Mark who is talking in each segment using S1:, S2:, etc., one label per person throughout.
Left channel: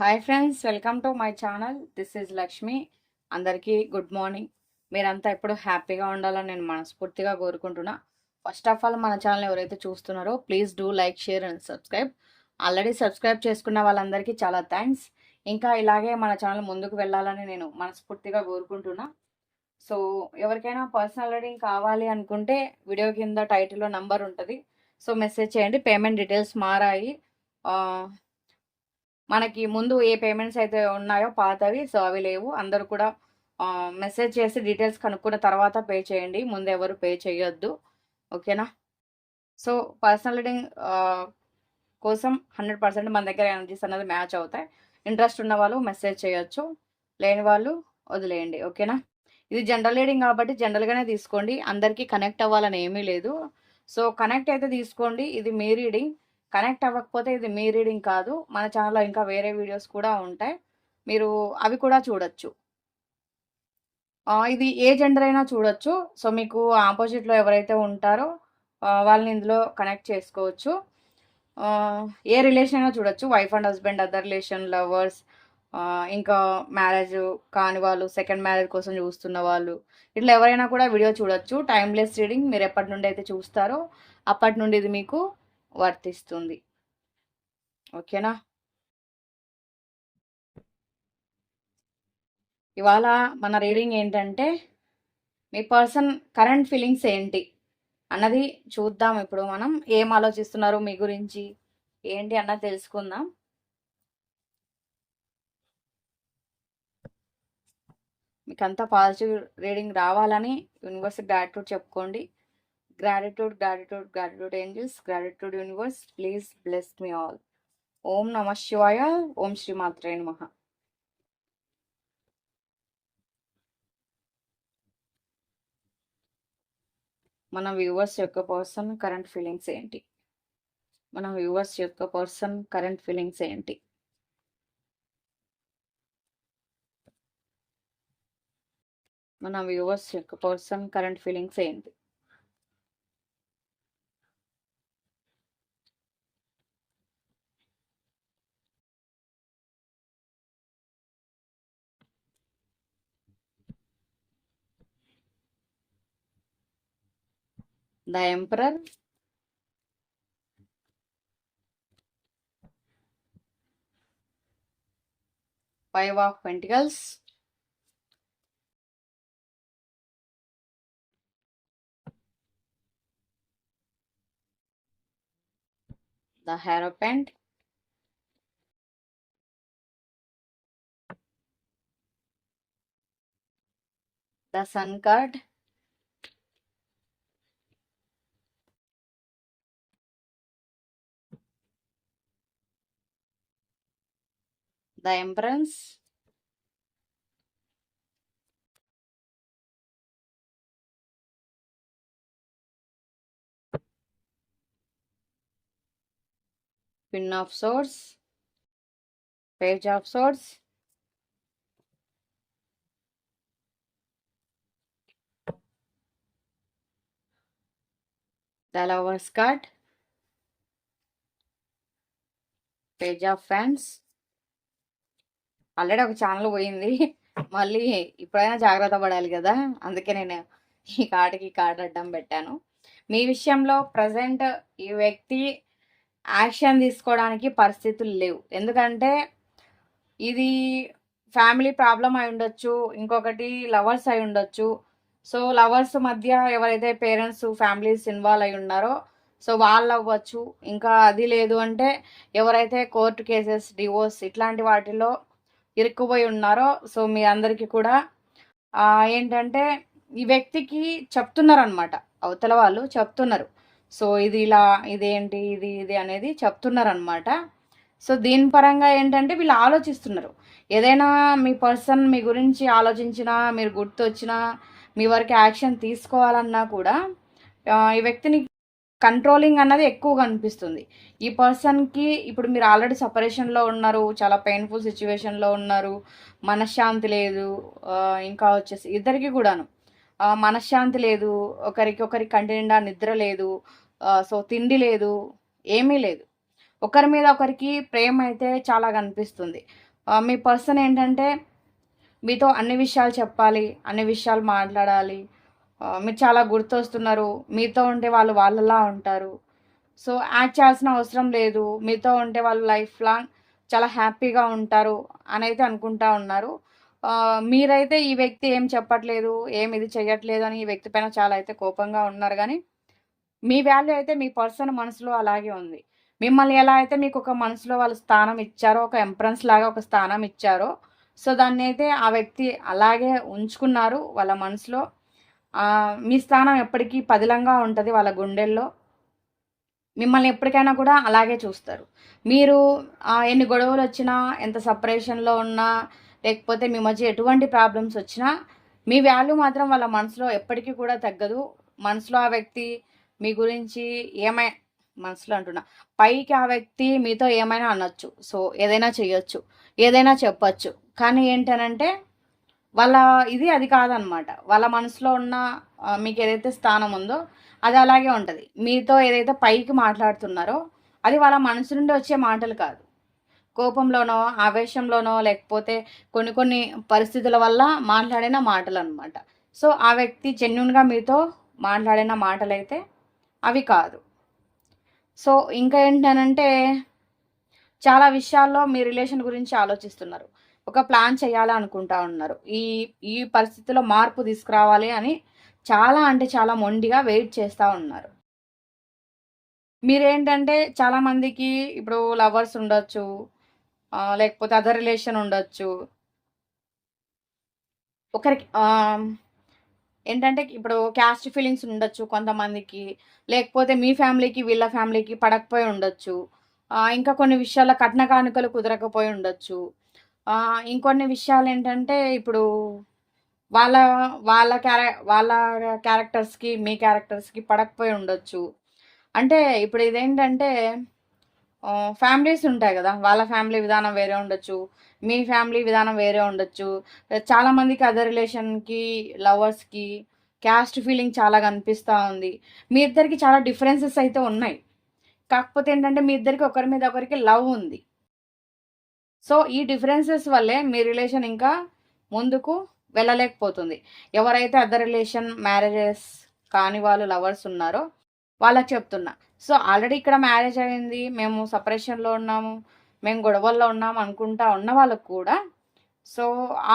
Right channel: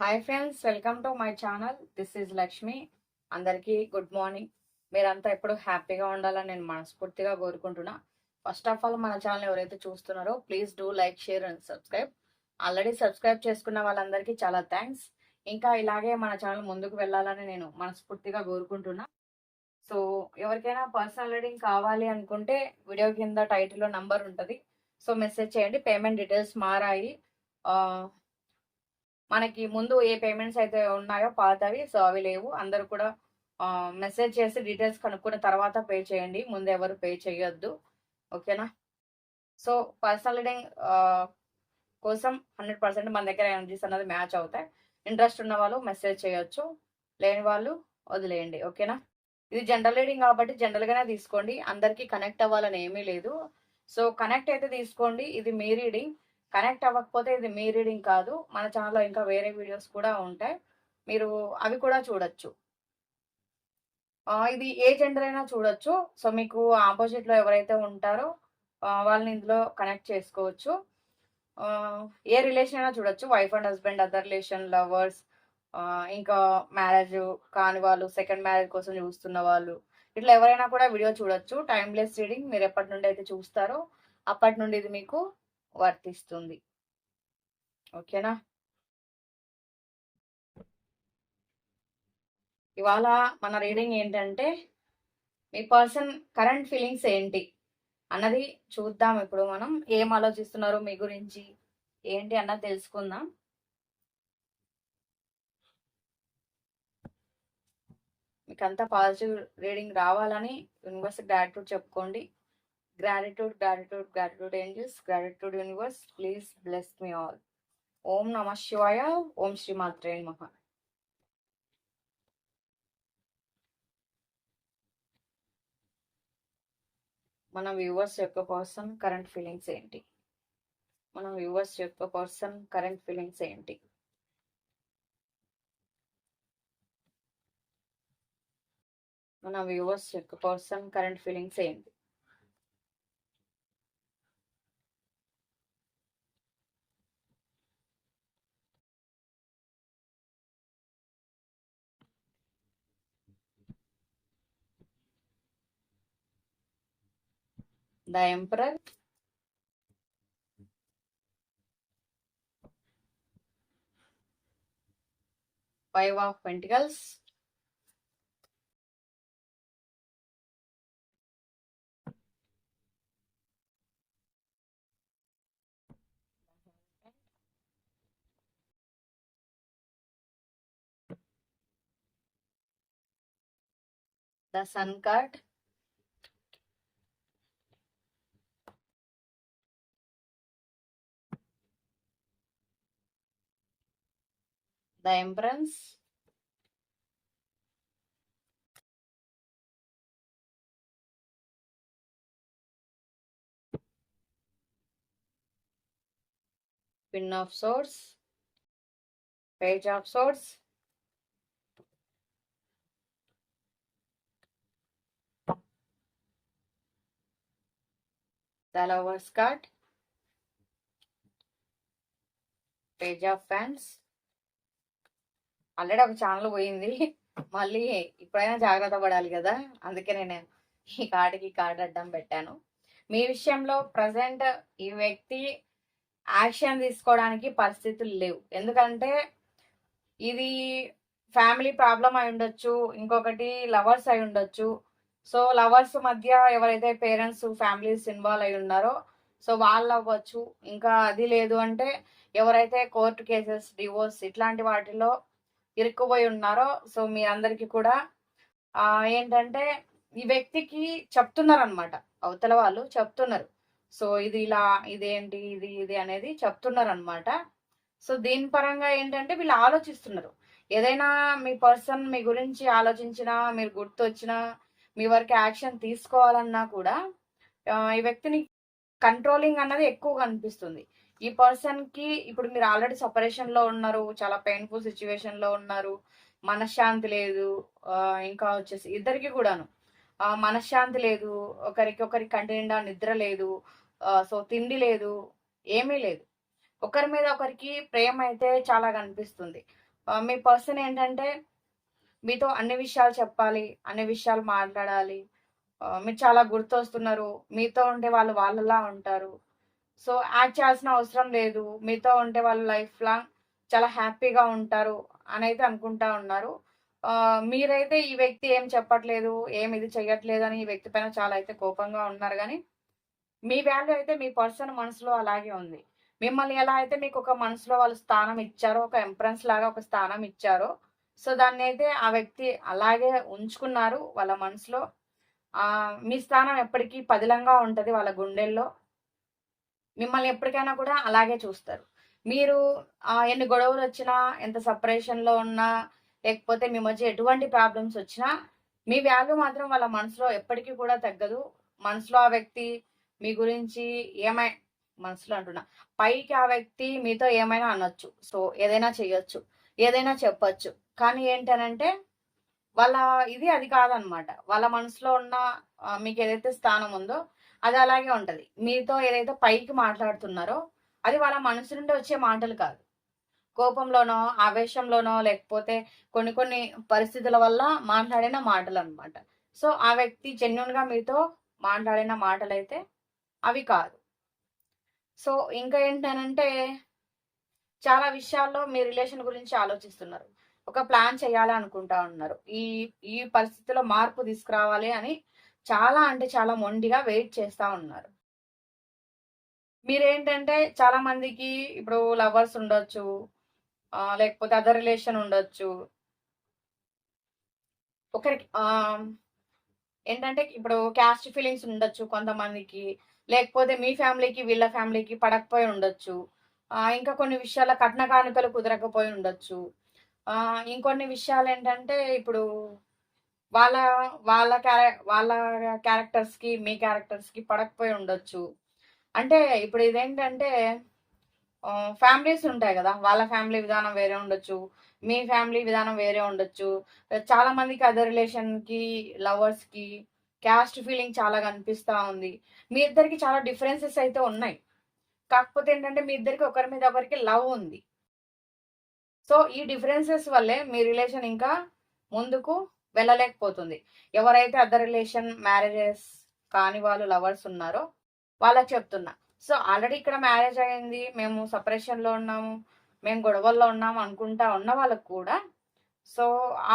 S1: Hi friends welcome to my channel this is Lakshmi అందరికీ good morning మీరంతా ఎప్పుడు హ్యాపీగా ఉండాలని నేను మనస్ఫూర్తిగా కోరుకుంటున్నా. ఫస్ట్ ఆఫ్ ఆల్ మన ఛానల్ ఎవరైతే చూస్తున్నారో please do like share and subscribe already subscribe చేసుకున్న వాళ్ళందరికీ చాలా థ్యాంక్స్ ఇంకా ఇలాగే మన ఛానల్ ముందుకు వెళ్ళాలని నేను మనస్ఫూర్తిగా కోరుకుంటున్నా. సో ఎవరికైనా పర్సనల్ రీడింగ్ కావాలి అనుకుంటే వీడియో కింద టైటిల్లో నంబర్ ఉంటుంది. సో మెసేజ్ చేయండి. పేమెంట్ డీటెయిల్స్ మారాయి. మనకి ముందు ఏ పేమెంట్స్ అయితే ఉన్నాయో పాతవి సో అవి లేవు. అందరూ కూడా మెసేజ్ చేసి డీటెయిల్స్ కనుక్కున్న తర్వాత పే చేయండి. ముందు ఎవరు పే చేయొద్దు. ఓకేనా? సో పర్సనల్ రీడింగ్ కోసం హండ్రెడ్ పర్సెంట్ మన దగ్గర ఎనర్జీస్ అనేది మ్యాచ్ అవుతాయి. ఇంట్రెస్ట్ ఉన్న వాళ్ళు మెసేజ్ చేయొచ్చు. లేని వాళ్ళు వదిలేయండి. ఓకేనా? ఇది జనరల్ రీడింగ్ కాబట్టి జనరల్గానే తీసుకోండి. అందరికీ కనెక్ట్ అవ్వాలని ఏమీ లేదు. సో కనెక్ట్ అయితే తీసుకోండి. ఇది మీ రీడింగ్. కనెక్ట్ అవ్వకపోతే ఇది మీ రీడింగ్ కాదు. మన ఛానల్లో ఇంకా వేరే వీడియోస్ కూడా ఉంటాయి. మీరు అవి కూడా చూడొచ్చు. ఇది ఏ జెండర్ అయినా చూడొచ్చు. సో మీకు ఆపోజిట్లో ఎవరైతే ఉంటారో వాళ్ళని ఇందులో కనెక్ట్ చేసుకోవచ్చు. ఏ రిలేషన్ అయినా చూడొచ్చు. Wife and husband other relation lovers ఇంకా మ్యారేజ్ కాని వాళ్ళు సెకండ్ మ్యారేజ్ కోసం చూస్తున్న వాళ్ళు. ఇట్లా ఎవరైనా కూడా వీడియో చూడొచ్చు. టైమ్లెస్ రీడింగ్ మీరు ఎప్పటి నుండి అయితే చూస్తారో అప్పటి నుండి ఇది మీకు వర్తిస్తుంది. ఓకేనా? ఇవాళ మన రీడింగ్ ఏంటంటే మీ పర్సన్ కరెంట్ ఫీలింగ్స్ ఏంటి? అన్నది చూద్దాం ఇప్పుడు మనం. ఏం ఆలోచిస్తున్నారు మీ గురించి? ఏంటి అన్నది తెలుసుకుందాం. మీకు అంతా పాజిటివ్ రీడింగ్ రావాలని యూనివర్స్ గ్రాటిట్యూడ్ చెప్పుకోండి. Gratitude gratitude gratitude angels gratitude universe please bless me all ఓం నమ శివాయ ఓం శ్రీమాత్రే మహా మన వ్యూవర్స్ యొక్క పర్సన్ కరెంట్ ఫీలింగ్స్ ఏంటి? మన వ్యూవర్స్ యొక్క పర్సన్ కరెంట్ ఫీలింగ్స్ ఏంటి? మన వ్యూవర్స్ యొక్క పర్సన్ కరెంట్ ఫీలింగ్స్ ఏంటి? The emperor five of pentacles. The hierophant. The sun card temperance pin of swords. Page of swords. The lovers card. Page of fans already ఒక channel పోయింది. మళ్ళీ ఇప్పుడైనా జాగ్రత్త పడాలి కదా. అందుకే నేను ఈ కార్డుకి కార్డు అడ్డం పెట్టాను. మీ విషయంలో ప్రజెంట్ ఈ వ్యక్తి యాక్షన్ తీసుకోవడానికి పరిస్థితులు లేవు. ఎందుకంటే ఇది ఫ్యామిలీ ప్రాబ్లం అయి ఉండొచ్చు ఇంకొకటి లవర్స్ అయి ఉండొచ్చు. సో లవర్స్ మధ్య ఎవరైతే పేరెంట్స్ ఫ్యామిలీస్ ఇన్వాల్వ్ అయి ఉన్నారో సో వాళ్ళు అవ్వచ్చు. ఇంకా అది లేదు అంటే ఎవరైతే కోర్టు కేసెస్ డివోర్స్ ఇట్లాంటి వాటిలో ఇరుక్కుపోయి ఉన్నారో సో మీ అందరికీ కూడా ఏంటంటే ఈ వ్యక్తికి చెప్తున్నారు అనమాట అవతల వాళ్ళు చెప్తున్నారు. సో ఇది ఇలా ఇదేంటి ఇది ఇది అనేది చెప్తున్నారు అనమాట సో దీని పరంగా ఏంటంటే వీళ్ళు ఆలోచిస్తున్నారు. ఏదైనా మీ పర్సన్ మీ గురించి ఆలోచించినా మీరు గుర్తు వచ్చినా మీ వరకు యాక్షన్ తీసుకోవాలన్నా కూడా ఈ వ్యక్తిని కంట్రోలింగ్ అన్నది ఎక్కువగా అనిపిస్తుంది. ఈ పర్సన్కి ఇప్పుడు మీరు ఆల్రెడీ సపరేషన్లో ఉన్నారు చాలా పెయిన్ఫుల్ సిచ్యువేషన్లో ఉన్నారు మనశ్శాంతి లేదు ఇంకా వచ్చేసి ఇద్దరికి కూడాను. మనశ్శాంతి లేదు ఒకరికి ఒకరికి కంటి నిండా నిద్ర లేదు సో తిండి లేదు ఏమీ లేదు. ఒకరి మీద ఒకరికి ప్రేమ అయితే చాలా కనిపిస్తుంది. మీ పర్సన్ ఏంటంటే మీతో అన్ని విషయాలు చెప్పాలి అన్ని విషయాలు మాట్లాడాలి మీరు చాలా గుర్తొస్తున్నారు. మీతో ఉంటే వాళ్ళు వాళ్ళలా ఉంటారు. సో యాక్ట్ చేయాల్సిన అవసరం లేదు. మీతో ఉంటే వాళ్ళు లైఫ్ లాంగ్ చాలా హ్యాపీగా ఉంటారు అని అయితే అనుకుంటా ఉన్నారు. మీరైతే ఈ వ్యక్తి ఏం చెప్పట్లేదు ఏం ఇది చెయ్యట్లేదు అని ఈ వ్యక్తి పైన చాలా అయితే కోపంగా ఉన్నారు. కానీ మీ వాల్యూ అయితే మీ పర్సన్ మనసులో అలాగే ఉంది. మిమ్మల్ని ఎలా అయితే మీకు ఒక మనసులో వాళ్ళు స్థానం ఇచ్చారో ఒక ఎంప్రెన్స్ లాగా ఒక స్థానం ఇచ్చారో సో దాన్ని అయితే ఆ వ్యక్తి అలాగే ఉంచుకున్నారు వాళ్ళ మనసులో. మీ స్థానం ఎప్పటికీ పదిలంగా ఉంటుంది వాళ్ళ గుండెల్లో. మిమ్మల్ని ఎప్పటికైనా కూడా అలాగే చూస్తారు. మీరు ఎన్ని గొడవలు వచ్చినా ఎంత సపరేషన్లో ఉన్నా లేకపోతే మీ మధ్య ఎటువంటి ప్రాబ్లమ్స్ వచ్చినా మీ వాల్యూ మాత్రం వాళ్ళ మనసులో ఎప్పటికీ కూడా తగ్గదు. మనసులో ఆ వ్యక్తి మీ గురించి ఏమై మనసులో అంటున్నా పైకి ఆ వ్యక్తి మీతో ఏమైనా అనొచ్చు. సో ఏదైనా చేయొచ్చు ఏదైనా చెప్పచ్చు. కానీ ఏంటనంటే వాళ్ళ ఇది అది కాదనమాట. వాళ్ళ మనసులో ఉన్న మీకు ఏదైతే స్థానం ఉందో అది అలాగే ఉంటుంది. మీతో ఏదైతే పైకి మాట్లాడుతున్నారో అది వాళ్ళ మనసు నుండి వచ్చే మాటలు కాదు. కోపంలోనో ఆవేశంలోనో లేకపోతే కొన్ని కొన్ని పరిస్థితుల వల్ల మాట్లాడిన మాటలు అనమాట సో ఆ వ్యక్తి జెన్యున్గా మీతో మాట్లాడిన మాటలు అయితే అవి కాదు. సో ఇంకా ఏంటనంటే చాలా విషయాల్లో మీ రిలేషన్ గురించి ఆలోచిస్తున్నారు. ఒక ప్లాన్ చేయాలనుకుంటా ఉన్నారు. ఈ ఈ పరిస్థితిలో మార్పు తీసుకురావాలి అని చాలా అంటే చాలా మొండిగా వెయిట్ చేస్తూ ఉన్నారు. మీరేంటంటే చాలా మందికి ఇప్పుడు లవర్స్ ఉండొచ్చు లేకపోతే అదర్ రిలేషన్ ఉండొచ్చు. ఒకరికి ఏంటంటే ఇప్పుడు క్యాస్ట్ ఫీలింగ్స్ ఉండొచ్చు కొంతమందికి లేకపోతే మీ ఫ్యామిలీకి వీళ్ళ ఫ్యామిలీకి పడకపోయి ఉండొచ్చు. ఇంకా కొన్ని విషయాల కట్న కానుకలు కుదరకపోయి ఉండొచ్చు. ఇంకొన్ని విషయాలు ఏంటంటే ఇప్పుడు వాళ్ళ వాళ్ళ క్యారె వాళ్ళ క్యారెక్టర్స్కి మీ క్యారెక్టర్స్కి పడకపోయి ఉండొచ్చు. అంటే ఇప్పుడు ఇదేంటంటే ఫ్యామిలీస్ ఉంటాయి కదా వాళ్ళ ఫ్యామిలీ విధానం వేరే ఉండొచ్చు మీ ఫ్యామిలీ విధానం వేరే ఉండొచ్చు. చాలామందికి అదర్ రిలేషన్కి లవర్స్కి క్యాస్ట్ ఫీలింగ్ చాలా కనిపిస్తూ ఉంది. మీ ఇద్దరికి చాలా డిఫరెన్సెస్ అయితే ఉన్నాయి. కాకపోతే ఏంటంటే మీ ఇద్దరికి ఒకరి మీద ఒకరికి లవ్ ఉంది. సో ఈ డిఫరెన్సెస్ వల్లే మీ రిలేషన్ ఇంకా ముందుకు వెళ్ళలేకపోతుంది. ఎవరైతే అదర్ రిలేషన్ మ్యారేజెస్ కాని వాళ్ళు లవర్స్ ఉన్నారో వాళ్ళకి చెప్తున్నా. సో ఆల్రెడీ ఇక్కడ మ్యారేజ్ అయింది మేము సపరేషన్లో ఉన్నాము మేము గొడవల్లో ఉన్నాము అనుకుంటా ఉన్న వాళ్ళకు కూడా సో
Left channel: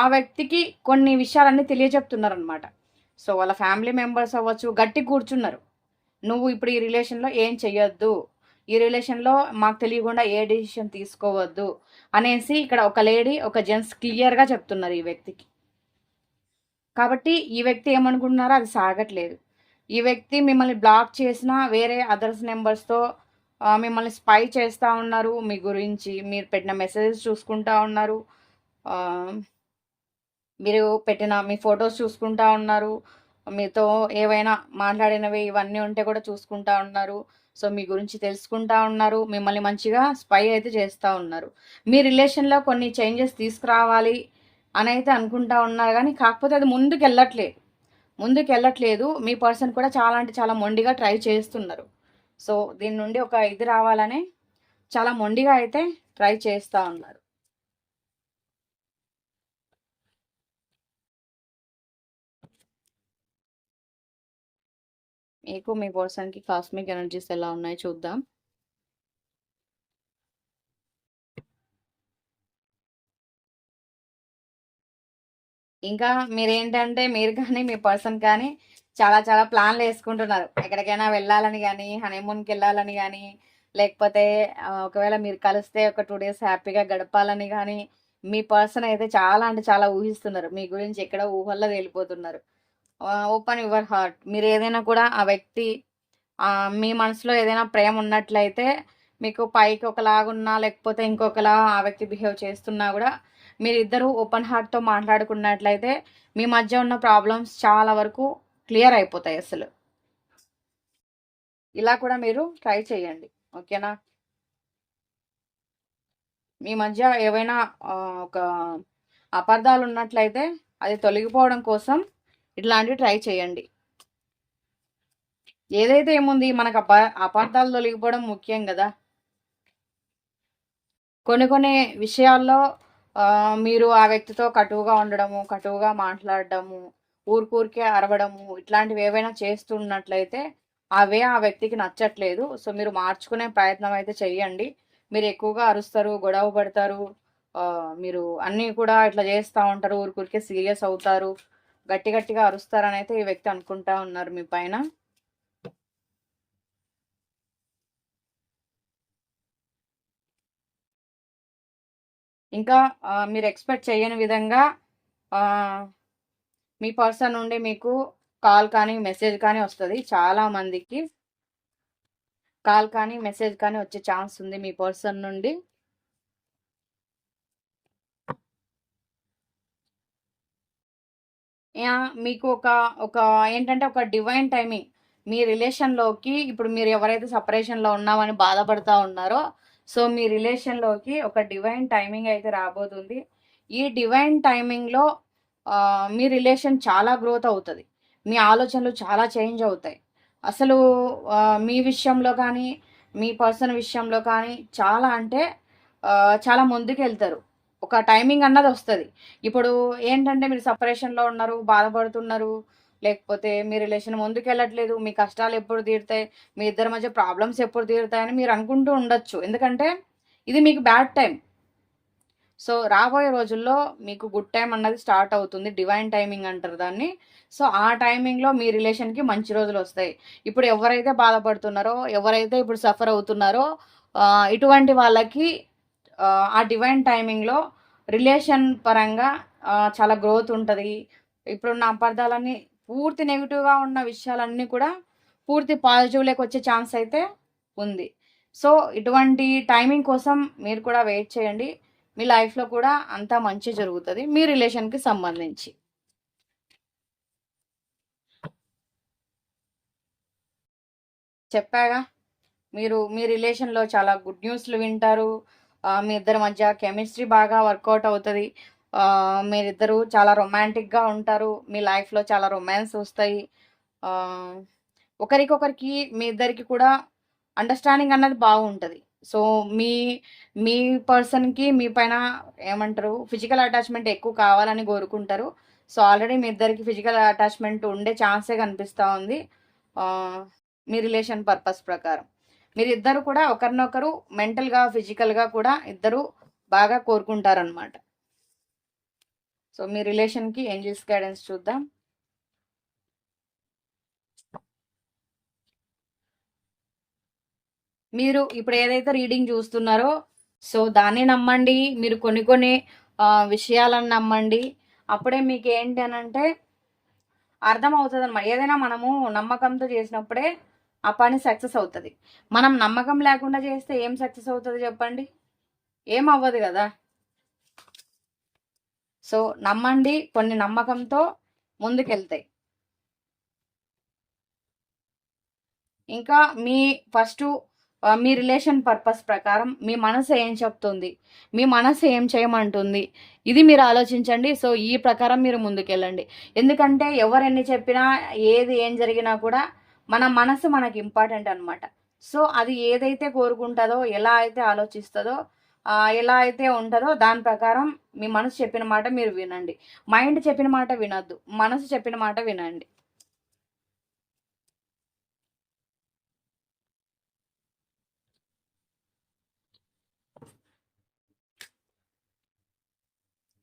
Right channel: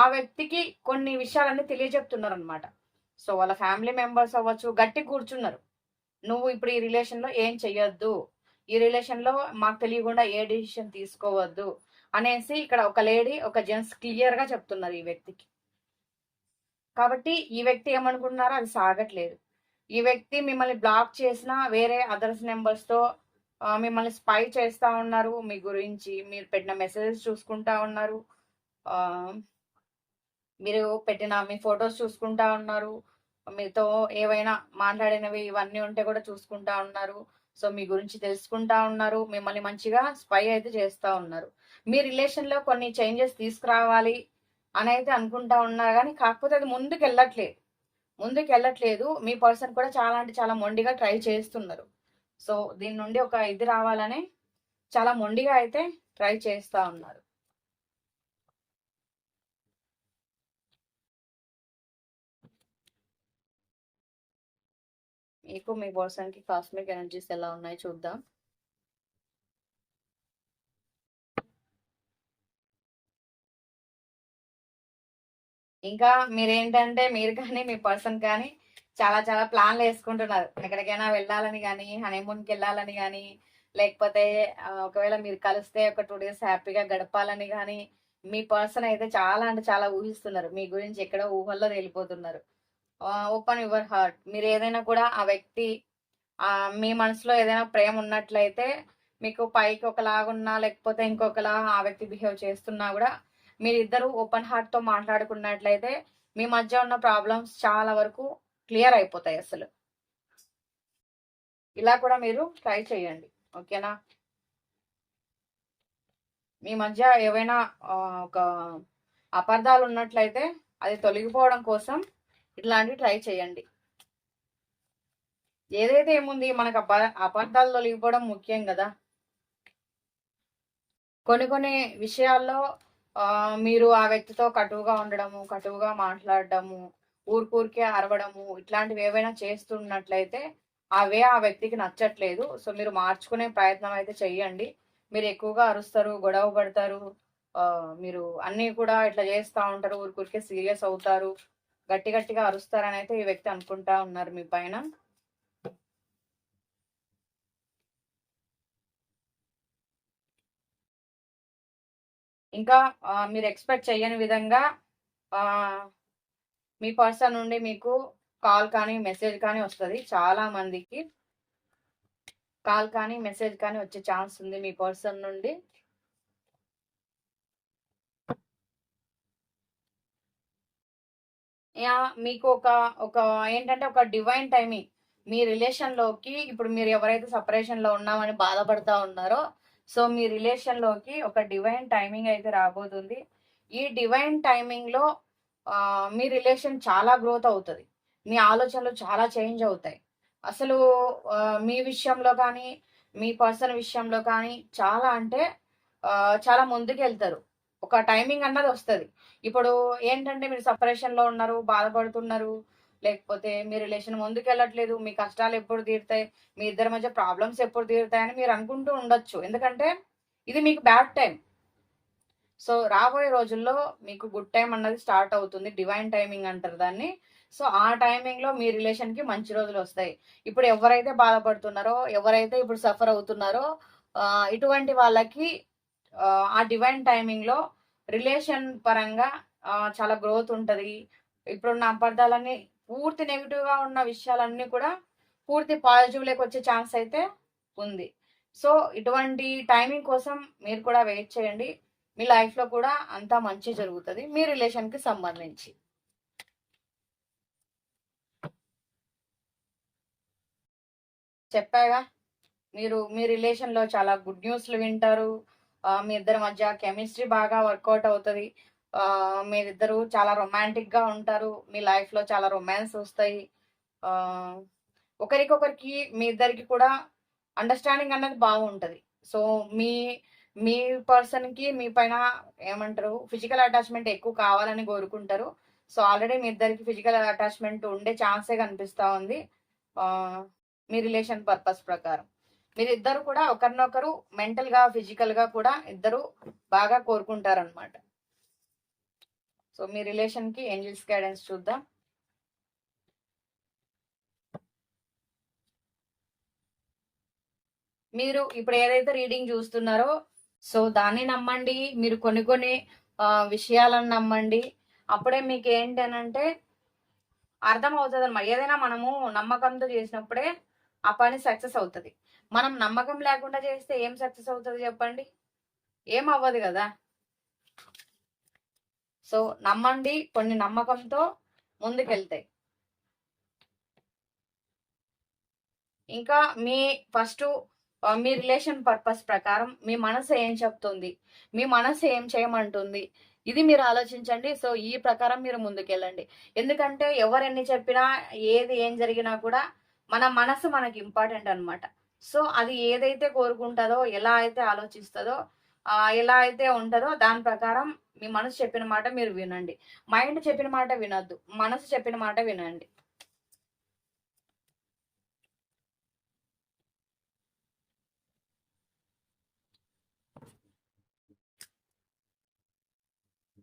S1: ఆ వ్యక్తికి కొన్ని విషయాలన్నీ తెలియజెప్తున్నారు అనమాట సో వాళ్ళ ఫ్యామిలీ మెంబర్స్ అవ్వచ్చు గట్టి కూర్చున్నారు. నువ్వు ఇప్పుడు ఈ రిలేషన్లో ఏం చెయ్యొద్దు. ఈ రిలేషన్లో మాకు తెలియకుండా ఏ డిసిషన్ తీసుకోవద్దు. అనేసి ఇక్కడ ఒక లేడీ ఒక జెంట్స్ క్లియర్గా చెప్తున్నారు ఈ వ్యక్తికి. కాబట్టి ఈ వ్యక్తి ఏమనుకుంటున్నారో అది సాగట్లేదు. ఈ వ్యక్తి మిమ్మల్ని బ్లాక్ చేసిన వేరే అదర్స్ నెంబర్స్తో మిమ్మల్ని స్పై చేస్తూ ఉన్నారు. మీ గురించి మీరు పెట్టిన మెసేజెస్ చూసుకుంటా ఉన్నారు. మీరు పెట్టిన మీ ఫొటోస్ చూసుకుంటా ఉన్నారు. మీతో ఏవైనా మాట్లాడినవి ఇవన్నీ ఉంటే కూడా చూసుకుంటా ఉన్నారు. సో మీ గురించి తెలుసుకుంటా ఉన్నారు మిమ్మల్ని మంచిగా స్పై అయితే చేస్తూ ఉన్నారు. మీ రిలేషన్లో కొన్ని చేంజెస్ తీసుకురావాలి అని అయితే అనుకుంటా ఉన్నారు కానీ కాకపోతే అది ముందుకు వెళ్ళట్లేదు ముందుకు వెళ్ళట్లేదు మీ పర్సన్ కూడా చాలా అంటే చాలా మొండిగా ట్రై చేస్తున్నారు. సో దీని నుండి ఒక ఇది రావాలని చాలా మొండిగా అయితే ట్రై చేస్తూ ఉన్నారు. మీకు మీ పర్సన్కి కాస్మిక్ ఎనర్జీస్ ఎలా ఉన్నాయి చూద్దాం. ఇంకా మీరేంటంటే మీరు కానీ మీ పర్సన్ కానీ చాలా చాలా ప్లాన్లు వేసుకుంటున్నారు. ఎక్కడికైనా వెళ్ళాలని కానీ హనీమూన్కి వెళ్ళాలని కానీ లేకపోతే ఒకవేళ మీరు కలిస్తే ఒక టూ డేస్ హ్యాపీగా గడపాలని కానీ మీ పర్సన్ అయితే చాలా అంటే చాలా ఊహిస్తున్నారు. మీ గురించి ఎక్కడ ఊహల్లో వెళ్ళిపోతున్నారు ఓపెన్ యువర్ హార్ట్ మీరు ఏదైనా కూడా ఆ వ్యక్తి మీ మనసులో ఏదైనా ప్రేమ ఉన్నట్లయితే మీకు పైకి ఒకలాగున్నా లేకపోతే ఇంకొకలా ఆ వ్యక్తి బిహేవ్ చేస్తున్నా కూడా మీరిద్దరూ ఓపెన్ హార్ట్తో మాట్లాడుకున్నట్లయితే మీ మధ్య ఉన్న ప్రాబ్లమ్స్ చాలా వరకు క్లియర్ అయిపోతాయి అసలు. ఇలా కూడా మీరు ట్రై చేయండి. ఓకేనా? మీ మధ్య ఏవైనా ఒక అపార్థాలు ఉన్నట్లయితే అది తొలగిపోవడం కోసం ఇట్లాంటివి ట్రై చేయండి. ఏదైతే ఏముంది మనకు అపా అపార్థాలు తొలగిపోవడం ముఖ్యం కదా. కొన్ని కొన్ని విషయాల్లో మీరు ఆ వ్యక్తితో కటువుగా ఉండడము కటువుగా మాట్లాడడము ఊరికూరికే అరవడము ఇట్లాంటివి ఏవైనా చేస్తున్నట్లయితే అవే ఆ వ్యక్తికి నచ్చట్లేదు. సో మీరు మార్చుకునే ప్రయత్నం అయితే చెయ్యండి మీరు ఎక్కువగా అరుస్తారు గొడవ పడతారు మీరు అన్నీ కూడా ఇట్లా చేస్తూ ఉంటారు ఊరికూరికే సీరియస్ అవుతారు. గట్టి గట్టిగా అరుస్తారని అయితే ఈ వ్యక్తి అనుకుంటా ఉన్నారు మీ పైన. ఇంకా మీరు ఎక్స్పెక్ట్ చేయని విధంగా మీ పర్సన్ నుండి మీకు కాల్ కానీ మెసేజ్ కానీ వస్తుంది చాలా మందికి. కాల్ కానీ మెసేజ్ కానీ వచ్చే ఛాన్స్ ఉంది మీ పర్సన్ నుండి. మీకు ఒక ఒక ఏంటంటే ఒక డివైన్ టైమింగ్ మీ రిలేషన్లోకి ఇప్పుడు మీరు ఎవరైతే సపరేషన్లో ఉన్నామని బాధపడతా ఉన్నారో సో మీ రిలేషన్లోకి ఒక డివైన్ టైమింగ్ అయితే రాబోతుంది. ఈ డివైన్ టైమింగ్లో మీ రిలేషన్ చాలా గ్రోత్ అవుతుంది. మీ ఆలోచనలు చాలా చేంజ్ అవుతాయి. అసలు మీ విషయంలో కానీ మీ పర్సన్ విషయంలో కానీ చాలా అంటే చాలా ముందుకు వెళ్తారు ఒక టైమింగ్ అన్నది వస్తుంది. ఇప్పుడు ఏంటంటే మీరు సపరేషన్లో ఉన్నారు బాధపడుతున్నారు లేకపోతే మీ రిలేషన్ ముందుకు వెళ్ళట్లేదు మీ కష్టాలు ఎప్పుడు తీరుతాయి మీ ఇద్దరి మధ్య ప్రాబ్లమ్స్ ఎప్పుడు తీరుతాయని మీరు అనుకుంటూ ఉండొచ్చు. ఎందుకంటే ఇది మీకు బ్యాడ్ టైం సో రాబోయే రోజుల్లో మీకు గుడ్ టైం అన్నది స్టార్ట్ అవుతుంది. డివైన్ టైమింగ్ అంటారు దాన్ని. సో ఆ టైమింగ్లో మీ రిలేషన్కి మంచి రోజులు వస్తాయి. ఇప్పుడు ఎవరైతే బాధపడుతున్నారో ఎవరైతే ఇప్పుడు సఫర్ అవుతున్నారో ఇటువంటి వాళ్ళకి ఆ, డివైన్ టైమింగ్లో రిలేషన్ పరంగా చాలా గ్రోత్ ఉంటుంది. ఇప్పుడున్న అపార్థాలన్నీ పూర్తి నెగిటివ్గా ఉన్న విషయాలన్నీ కూడా పూర్తి పాజిటివ్లోకి వచ్చే ఛాన్స్ అయితే ఉంది. సో ఇటువంటి టైమింగ్ కోసం మీరు కూడా వెయిట్ చేయండి. మీ లైఫ్లో కూడా అంతా మంచి జరుగుతుంది. మీ రిలేషన్కి సంబంధించి. చెప్పాగా? మీరు మీ రిలేషన్లో చాలా గుడ్ న్యూస్లు వింటారు. మీ ఇద్దరి మధ్య కెమిస్ట్రీ బాగా వర్కౌట్ అవుతుంది. మీరిద్దరూ మీరిద్దరు చాలా రొమాంటిక్గా ఉంటారు. మీ లైఫ్లో చాలా రొమాన్స్ వస్తాయి. ఒకరికొకరికి మీ ఇద్దరికి కూడా అండర్స్టాండింగ్ అన్నది బాగుంటుంది. సో మీ మీ పర్సన్కి మీ పైన ఏమంటారు ఫిజికల్ అటాచ్మెంట్ ఎక్కువ కావాలని కోరుకుంటారు. సో ఆల్రెడీ మీ ఇద్దరికి ఫిజికల్ అటాచ్మెంట్ ఉండే ఛాన్సే కనిపిస్తూ ఉంది. మీ రిలేషన్ పర్పస్ ప్రకారం. మీరిద్దరు కూడా ఒకరినొకరు మెంటల్గా ఫిజికల్గా కూడా ఇద్దరు బాగా కోరుకుంటారనమాట సో మీ రిలేషన్కి ఏంజిల్స్ గైడెన్స్ చూద్దాం. మీరు ఇప్పుడు ఏదైతే రీడింగ్ చూస్తున్నారో సో దాన్ని నమ్మండి. మీరు కొన్ని కొన్ని విషయాలను నమ్మండి. అప్పుడే మీకు ఏంటి అని అంటే అర్థమవుతుంది అనమాట ఏదైనా మనము నమ్మకంతో చేసినప్పుడే ఆ పని సక్సెస్ అవుతుంది. మనం నమ్మకం లేకుండా చేస్తే ఏం సక్సెస్ అవుతుంది చెప్పండి? ఏం అవ్వదు కదా? సో నమ్మండి కొన్ని నమ్మకంతో ముందుకెళ్తాయి ఇంకా మీ ఫస్ట్ మీ రిలేషన్ పర్పస్ ప్రకారం మీ మనసు ఏం చెప్తుంది? మీ మనసు ఏం చేయమంటుంది? ఇది మీరు ఆలోచించండి. సో ఈ ప్రకారం మీరు ముందుకెళ్ళండి. ఎందుకంటే ఎవరు ఎన్ని చెప్పినా ఏది ఏం జరిగినా కూడా మన మనసు మనకి ఇంపార్టెంట్ అన్నమాట. సో అది ఏదైతే కోరుకుంటుందో ఎలా అయితే ఆలోచిస్తుందో ఎలా అయితే ఉంటుందో దాని ప్రకారం మీ మనసు చెప్పిన మాట మీరు వినండి. మైండ్ చెప్పిన మాట వినొద్దు. మనసు చెప్పిన మాట వినండి.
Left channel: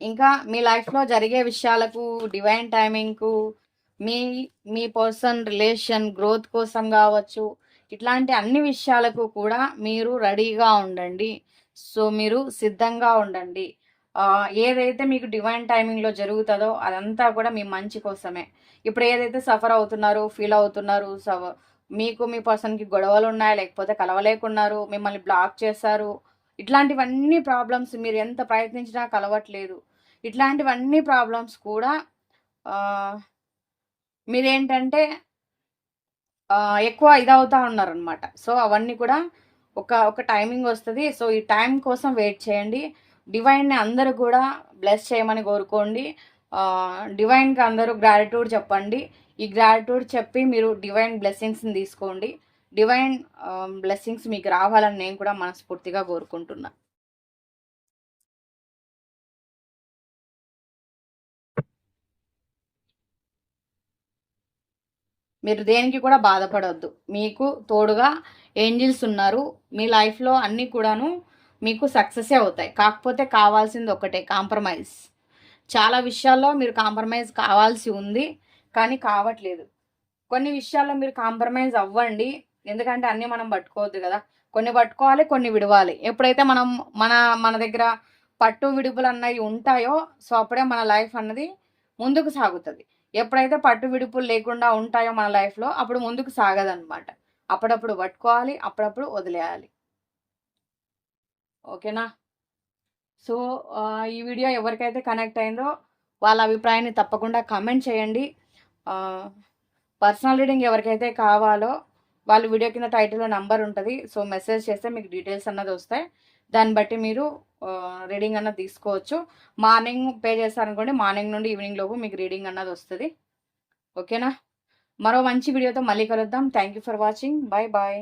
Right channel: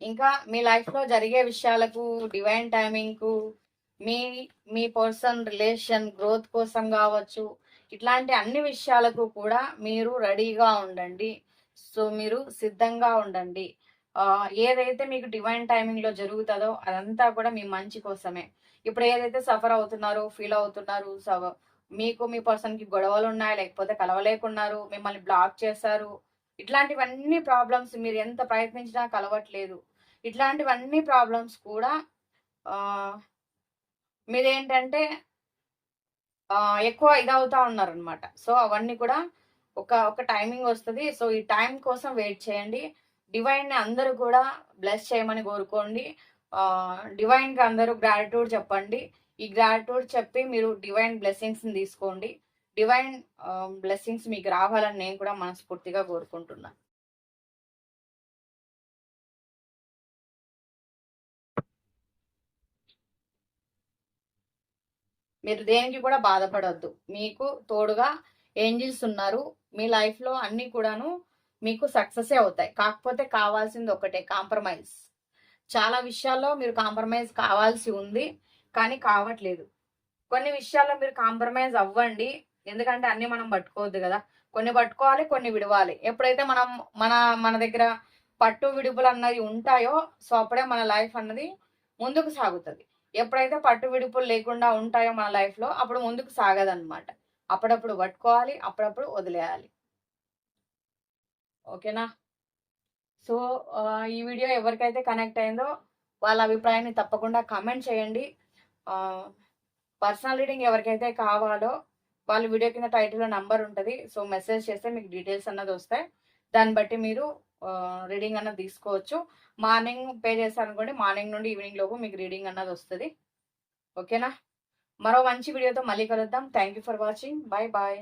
S1: ఇంకా మీ లైఫ్లో జరిగే విషయాలకు డివైన్ టైమింగ్కు మీ మీ పర్సన్ రిలేషన్ గ్రోత్ కోసం కావచ్చు ఇట్లాంటి అన్ని విషయాలకు కూడా మీరు రెడీగా ఉండండి. సో మీరు సిద్ధంగా ఉండండి. ఏదైతే మీకు డివైన్ టైమింగ్లో జరుగుతుందో అదంతా కూడా మీ మంచి కోసమే. ఇప్పుడు ఏదైతే సఫర్ అవుతున్నారు ఫీల్ అవుతున్నారు సవ మీకు మీ పర్సన్కి గొడవలు ఉన్నాయా లేకపోతే కలవలేకున్నారు మిమ్మల్ని బ్లాక్ చేశారు ఇట్లాంటివన్నీ ప్రాబ్లమ్స్ మీరు ఎంత ప్రయత్నించినా కలవట్లేదు. ఇట్లాంటివన్నీ ప్రాబ్లమ్స్ కూడా మీరేంటంటే ఎక్కువ ఇదవుతా ఉన్నారనమాట. సో అవన్నీ కూడా ఒక ఒక టైమింగ్ వస్తుంది. సో ఈ టైం కోసం వెయిట్ చేయండి. డివైన్ని అందరూ కూడా బ్లెస్ చేయమని కోరుకోండి. డివైన్కి అందరూ గ్రాటిట్యూడ్ చెప్పండి. ఈ గ్రాటిట్యూడ్ చెప్పి మీరు డివైన్ బ్లెస్సింగ్స్ని తీసుకోండి. డివైన్ బ్లెస్సింగ్స్ మీకు రావాలని నేను కూడా మనస్ఫూర్తిగా కోరుకుంటున్నాను మీరు దేనికి కూడా బాధపడవద్దు మీకు తోడుగా ఏంజిల్స్ ఉన్నారు. మీ లైఫ్లో అన్నీ కూడాను మీకు సక్సెసే అవుతాయి. కాకపోతే కావాల్సింది ఒకటే కాంప్రమైజ్. చాలా విషయాల్లో మీరు కాంప్రమైజ్ కావాల్సి ఉంది కానీ కావట్లేదు. కొన్ని విషయాల్లో మీరు కాంప్రమైజ్ అవ్వండి. ఎందుకంటే అన్నీ మనం పట్టుకోవద్దు కదా. కొన్ని పట్టుకోవాలి కొన్ని విడవాలి. ఎప్పుడైతే మనం మన మన దగ్గర పట్టు విడుపులు అన్నవి ఉంటాయో సో అప్పుడే మన లైఫ్ అన్నది ముందుకు సాగుతుంది. ఎప్పుడైతే పట్టు విడుపులు లేకుండా ఉంటాయో మన లైఫ్లో అప్పుడు ముందుకు సాగదనమాట అప్పుడప్పుడు పట్టుకోవాలి అప్పుడప్పుడు వదిలేయాలి. ఓకేనా? సో ఈ వీడియో ఎవరికైతే కనెక్ట్ అయిందో వాళ్ళ అభిప్రాయాన్ని తప్పకుండా కమెంట్ చేయండి. పర్సనల్ రీడింగ్ ఎవరికైతే కావాలో వాళ్ళు వీడియో కింద టైటిల్లో నంబర్ ఉంటుంది. సో మెసేజ్ చేస్తే మీకు డీటెయిల్స్ అన్నది వస్తాయి. దాన్ని బట్టి మీరు రీడింగ్ అన్నది తీసుకోవచ్చు. మార్నింగ్ పే చేస్తారనుకోండి మార్నింగ్ నుండి ఈవినింగ్ లోపు మీకు రీడింగ్ అన్నది వస్తుంది. ఓకేనా మరో మంచి వీడియోతో మళ్ళీ కలుద్దాం. Thank you for watching bye bye